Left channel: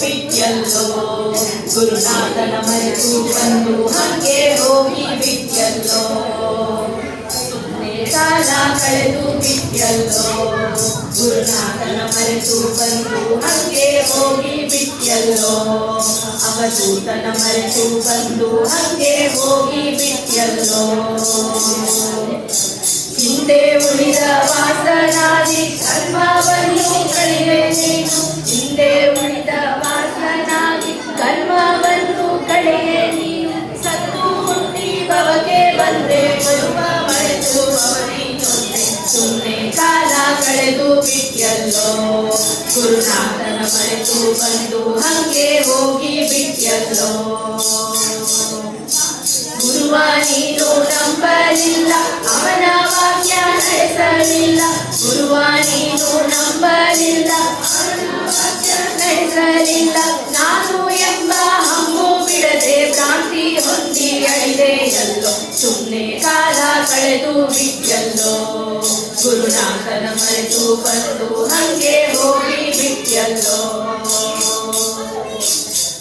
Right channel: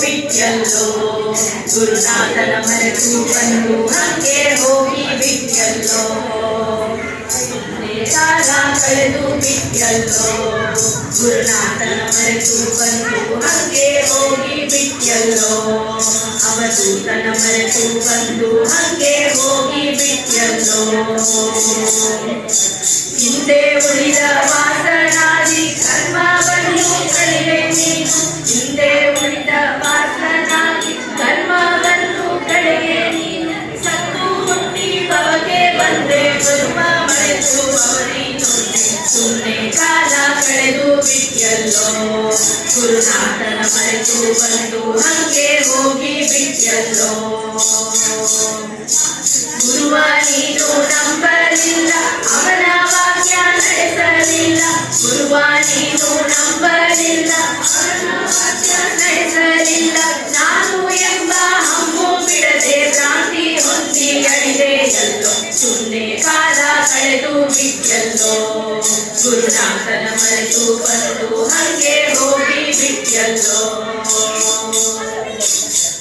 ಬಿಟ್ಯಲ್ಲೋ ಗುರುನಾಥನ ಮರೆತು ಬಂದು ಹಂಗೆ ಹೋಗಿ ಬಿಟ್ಯಲ್ಲೋ ಕಾಲ ಕಳೆದು ಬಿಟ್ಯಲ್ಲೋ ಗುರುನಾಥನ ಮರೆತು ಬಂದು ಹಂಗೆ ಹೋಗಿ ಬಿಟ್ಯಲ್ಲೋ ಅವಧೂತನ ಮರೆತು ಬಂದು ಹಂಗೆ ಹೋಗಿ ಬಿಟ್ಯಲ್ಲೋ ಹಿಂದೆ ಉಳಿದ ವಾಸನಾದಿ ಕರ್ಮವನ್ನು ಕಳೆದೆ ನೀನು ಹಿಂದೆ ಉಳಿದ ವಾಸನಾದಿ ಕರ್ಮವನ್ನು ಕಳೆದೆ ನೀನು ಸತ್ತು ಹುಟ್ಟಿ ಭವಕ್ಕೆ ಬಂದೆ ಬರುವ ಮರೆತು ಅವರಿನೊಂದೆ ಸುಮ್ಮನೆ ಕಾಲ ಕಳೆದು ಬಿಟ್ಯಲ್ಲೋ ಗುರುನಾಥನ ಮರೆತು ಬಂದು ಹಂಗೆ ಹೋಗಿ ಬಿಟ್ಯಲ್ಲೋ ಗುರುವ ನೀನು ನಂಬಲಿಲ್ಲ ಅವನ ವಾಕ್ಯ ನಡೆಸಲಿಲ್ಲ ಗುರುವ ನೀನು ನಂಬಲಿಲ್ಲ ಅವನ ವಾಕ್ಯ ನಡೆಸಲಿಲ್ಲ ನಾನು ಎಂಬ ಹಮ್ಮು ಬಿಡದೆ ಭ್ರಾಂತಿ ಹೊಂದಿ ಅಳಿದೆಯಲ್ಲೋ ಸುಮ್ಮನೆ ಕಾಲ ಕಳೆದು ಬಿಟ್ಯಲ್ಲೋ ಗುರುನಾಥನ ಮರೆತು ಬಂದು ಹಂಗೆ ಹೋಗಿ ಬಿಟ್ಯಲ್ಲೋ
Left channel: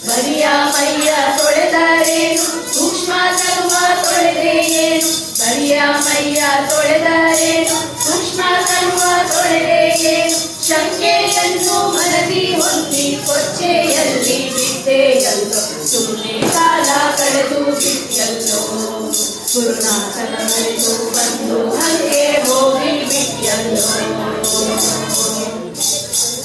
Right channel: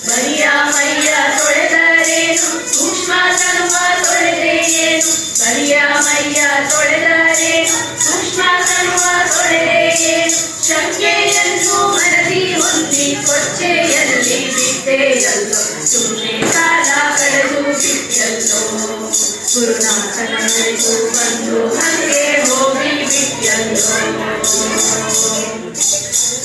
ಬರಿಯ ಮೈಯ ತೊಳೆದರೇನು ಸೂಕ್ಷ್ಮ ತನುವ ತೊಳೆದೆಯೇನು ಬರಿಯ ಮೈಯ ತೊಳೆದರೇನು ಸೂಕ್ಷ್ಮ ತನುವ ತೊಳೆದೆಯೇನು ಶಂಕೆಯನ್ನು ಮನದಿ ಹೊಂದಿ ಕೊಚ್ಚೆಯಲ್ಲಿ ಬಿಟ್ಟೆಯಲ್ಲೋ ಸುಮ್ಮನೆ ಕಾಲ ಕಳೆದು ಬಿಟ್ಯಲ್ಲೋ ಗುರುನಾಥನ ಮರೆತು ಬಂದು ಹಂಗೆ ಹೋಗಿ ಬಿಟ್ಯಲ್ಲೋ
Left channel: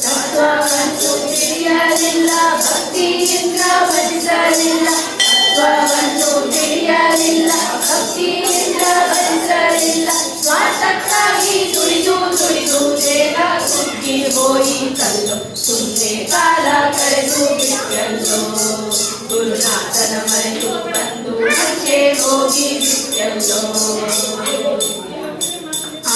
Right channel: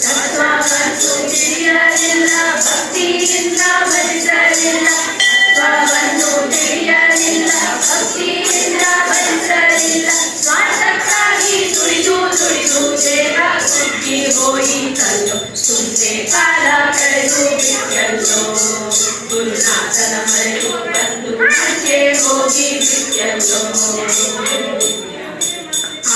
ತತ್ವವನ್ನು ತಿಳಿಯಲಿಲ್ಲ ಭಕ್ತಿಯಿಂದ ಭಜಿಸಲಿಲ್ಲ ತತ್ವವನ್ನು ತಿಳಿಯಲಿಲ್ಲ ಭಕ್ತಿಯಿಂದ ಭಜಿಸಲಿಲ್ಲ ಸ್ವಾರ್ಥಕ್ಕಾಗಿ ದುಡಿದು ದುಡಿದು ದೇಹ ಕುಗ್ಗಿ ಹೋಯಿತಲ್ಲೋ ಸುಮ್ಮನೆ ಕಾಲ ಕಳೆದು ಬಿಟ್ಯಲ್ಲೋ ಗುರುನಾಥನ ಮರೆತು ಬಂದು ಹಂಗೆ ಹೋಗಿ ಬಿಟ್ಯಲ್ಲೋ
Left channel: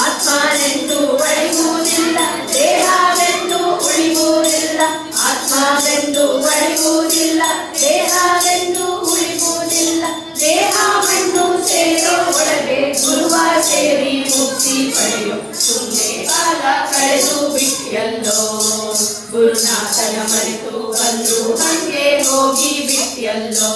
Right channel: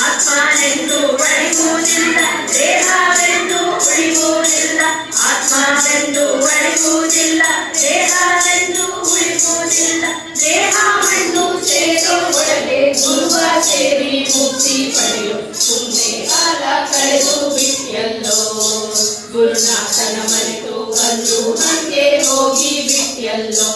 ಆತ್ಮನೆಂದು ಒಳಿಗುವುದಿಲ್ಲ ದೇಹವೆಂದು ಉಳಿಯುವುದಿಲ್ಲ ಆತ್ಮವೆಂದು ಒಳಿಗುವುದಿಲ್ಲ ದೇಹವೆಂದು ಉಳಿಯುವುದಿಲ್ಲ ದೇಹವನ್ನು ಸೇರೋ ಒಳಗೆ ಗುರುವ ಸೇರಿ ಮುಕ್ತಿ ಪಡೆಯೋ ಸುಮ್ಮನೆ ಕಾಲ ಕಳೆದು ಬಿಟ್ಯಲ್ಲೋ ಗುರುನಾಥನ ಮರೆತು ಬಂದು ಹಂಗೆ ಹೋಗಿ ಬಿಟ್ಯಲ್ಲೋ